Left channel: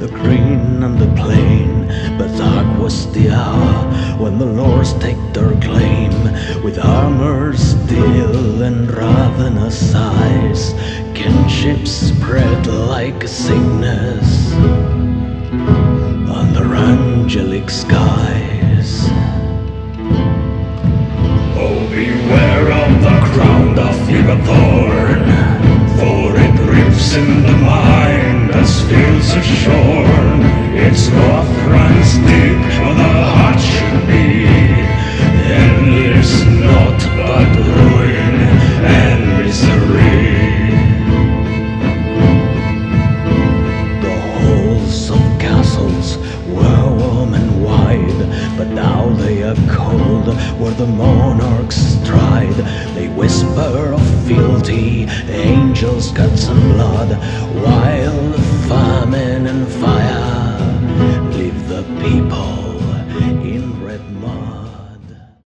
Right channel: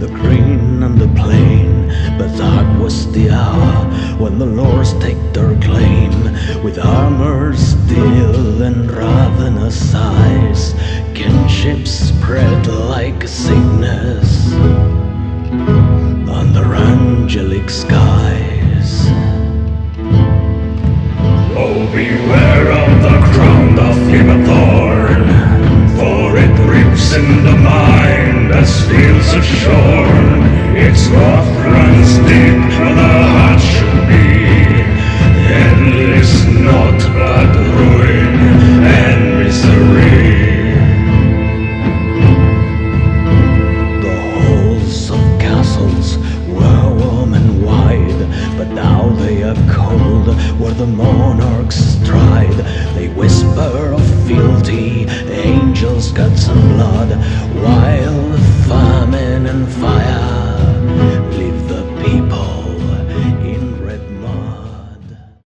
the green and the plain. But dark was the hour when the lords take their claim. With armor steel and ravenous eyes, kinship spread like a sickness under angelic skies. Oh, beware of the crown of fever thorn, for it rips in the mind as fields are shorn. Its wrath runs deep where the heart should be, endless naught but ruin and misery. The halls of castles were warm and wide, but now they are cold where the monarchs stride. They whisper of fealty, angels, guts and blood, while famine and fire